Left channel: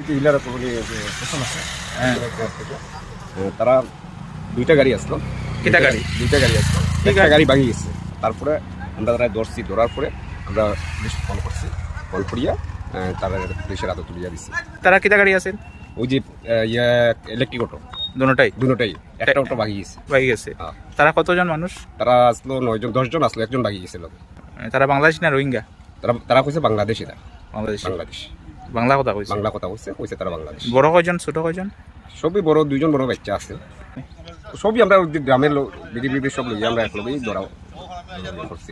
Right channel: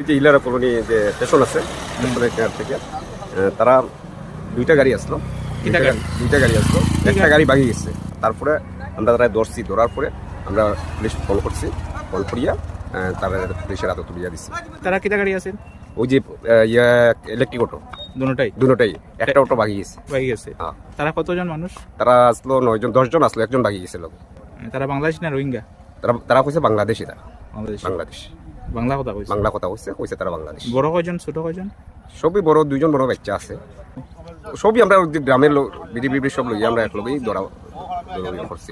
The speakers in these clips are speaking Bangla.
এই যে ইলারা কলোনি যে স্টেশন আছে স্টেশনের কেয়ার থেকে তারা দুইটা গাড়ি আসলো। দুইটা গাড়ি আসলো, একটা গাড়ি ভাঙিয়ে গেছে। তারপরে আমরা তারা ধরার পরে আমরা পুলিশ ফোন করছি, ফোন করিয়া তারা পুলিশের হাতে তুলিয়া দিছি। তারা কিটা গাড়ি আছেন? ওই যে ইলেকট্রিক অটো, দুটোটাই একটা অটো ভাঙিয়ে গেছে। তারা কতজন মানুষ? তারা আসলো 9 জন 10 জন আসলো, একজন ভাঙিয়ে গেছিল। তারা বাংলাদেশ না রোহিঙ্গা? তারা কইছে বাংলাদেশি। তারা বাংলাদেশ বাংলা কথা কইছে তারা বাংলাদেশ। বড় কয়জন ছোট কয়জন? সবই বড়, 2 জন বড় বাচ্চা আছে। সবই আমরা গ্রামের বিডিবি সব লই আমরা একলগেই ধরা করছি।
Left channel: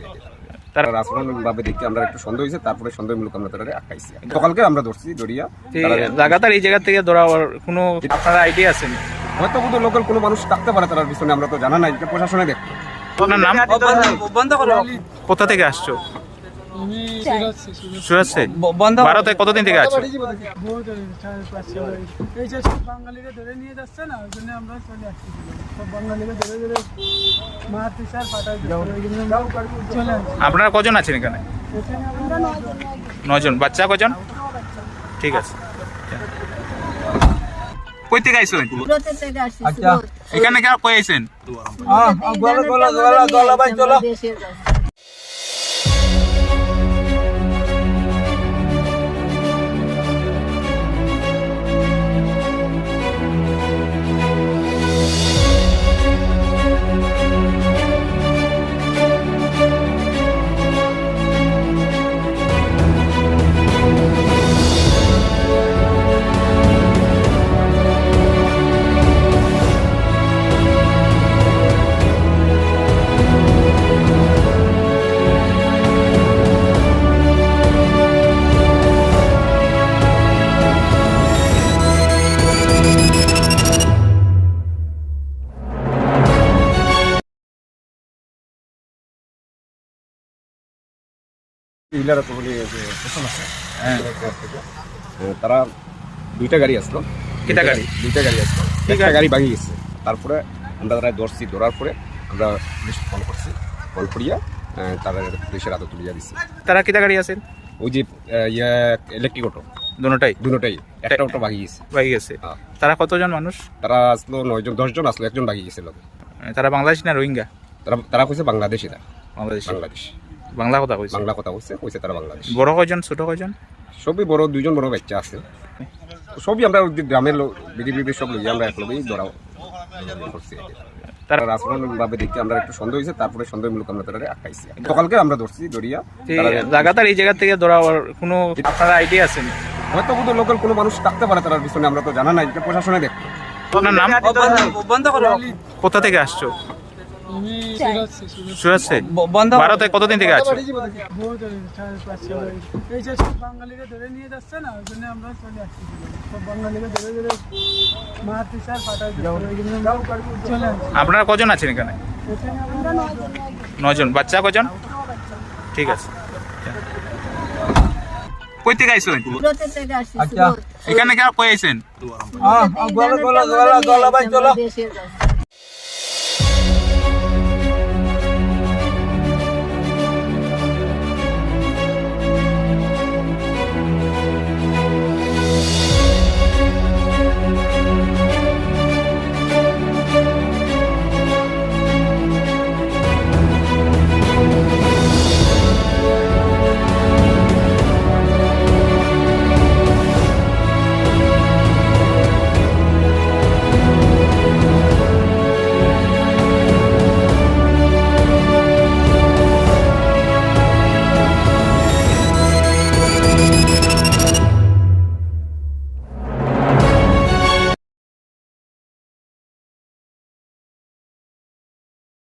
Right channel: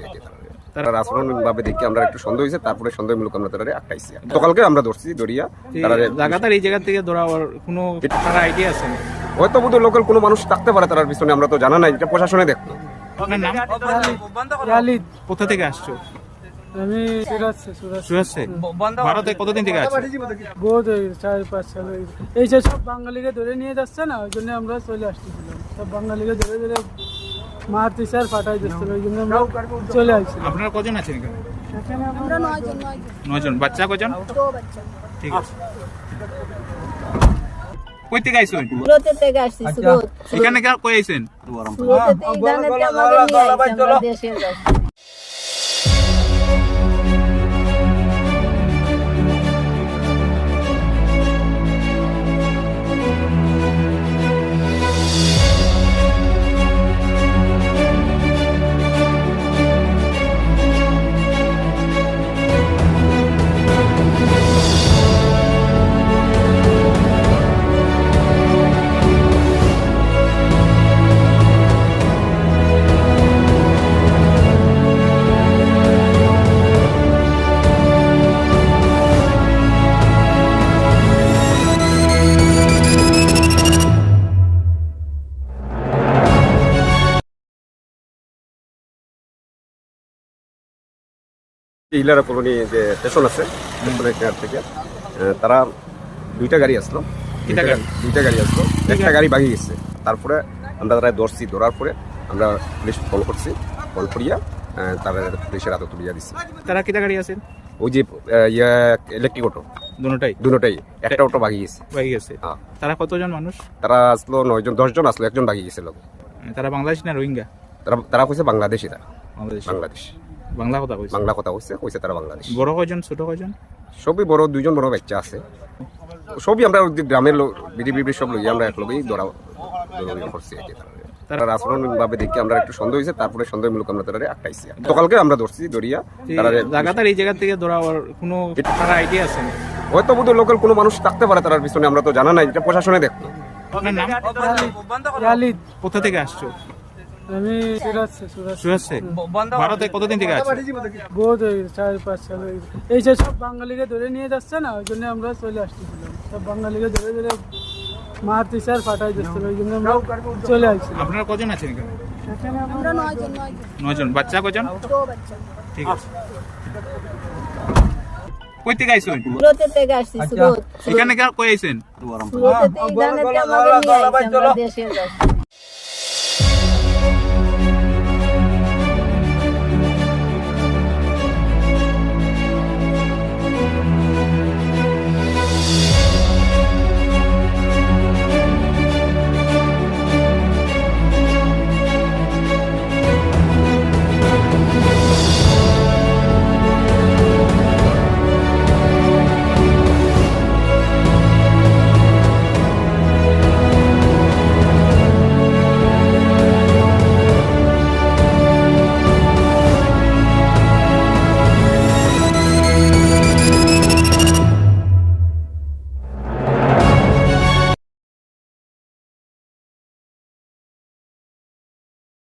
তারা আচরণ ভাবে দেখি আমরা একটু সন্দেহ হয়েছে, তারপরে সন্দেহমূলক আমরা তারা আটকাইছি। সকালকে আমরা ধরছি, ধরিয়া লাগাতার এই জায়গা থেকে ধরার কোনো আপনার আইডিয়া আছে নি? হয়তো বোধহয় লোকাল কোনো মানুষ থাকতে পারে তার পিছনে, আমরা তো জানা নাই, এটা প্রশাসনে দেখতো। আপনার নাম? কোথা থেকে আসছো? আমি সুরাত। ভারতে কতদিন থেকে আছো? এই যে সব বাঙালিকে ধরে নিয়ে যাচ্ছে না, ওই জন্য আমরা চলে আসতেছিলাম। সব বাঙালিকে ধরে ধরে মারতেছে আর ফাটাই দিচ্ছে, ওই জন্য আমরা চলে আসছি। আপনারা কজন আছেন এখানে? আমরা 9 9 জন। জন। বাচ্চা কজন? 2 বাচ্চা। ঠিক আছে। কই থেকে আইছেন? সুরত থেকে আসছি। সুরত। এখানে কেন কই আইছেন? সুরত থেকে ইদানে আমাদের নিয়ে আইছে আমরা দেশের কাছে। ইলারা কলোনি যে স্টেশন আছে স্টেশনের কেয়ার থেকে তারা দুইটা গাড়ি আসলো। দুইটা গাড়ি আসলো, একটা গাড়ি ভাঙিয়ে গেছে। তারপরে আমরা তারা ধরার পরে আমরা পুলিশ ফোন করছি, ফোন করিয়া তারা পুলিশের হাতে তুলিয়া দিছি। তারা কিটা গাড়ি আছেন? ওই যে ইলেকট্রিক অটো, দুটোটাই একটা অটো ভাঙিয়ে গেছে। তারা কতজন মানুষ? তারা আসলো 9 জন 10 জন আসলো, একজন ভাঙিয়ে গেছিল। তারা বাংলাদেশ না রোহিঙ্গা? তারা কইছে বাংলাদেশি। তারা বাংলাদেশ বাংলা কথা কইছে তারা বাংলাদেশ। বড় কয়জন ছোট কয়জন? সবই বড়, 2 জন বড় বাচ্চা আছে। সবই আমরা গ্রামের বিডিবি সব লই আমরা একলগেই ধরা করছি। তারা আচরণ ভাবে দেখি আমরা একটু সন্দেহ হয়েছে, তারপরে সন্দেহমূলক আমরা তারা আটকাইছি। সকালকে আমরা ধরছি, ধরিয়া লাগাতার এই জায়গা থেকে ধরার কোনো আপনার আইডিয়া আছে নি? হয়তো বোধহয় লোকাল কোনো মানুষ থাকতে পারে তার পিছনে, আমরা তো জানা নাই, এটা প্রশাসনে দেখতো। আপনার নাম? কোথা থেকে আসছো? আমি সুরাত। ভারতে কতদিন থেকে আছো? এই যে সব বাঙালিকে ধরে নিয়ে যাচ্ছে না, ওই জন্য আমরা চলে আসতেছিলাম। সব বাঙালিকে ধরে ধরে মারতেছে আর ফাটাই দিচ্ছে, ওই জন্য আমরা চলে আসছি। আপনারা কজন আছেন এখানে? আমরা 9 জন। 9 জন। বাচ্চা কজন? 2 বাচ্চা। ঠিক আছে। কই থেকে আইছেন? সুরত থেকে আসছি। সুরত। এখানে কেন কই আইছেন? সুরত থেকে ইদানে আমাদের নিয়ে আইছে আমরা দেশের কাছে।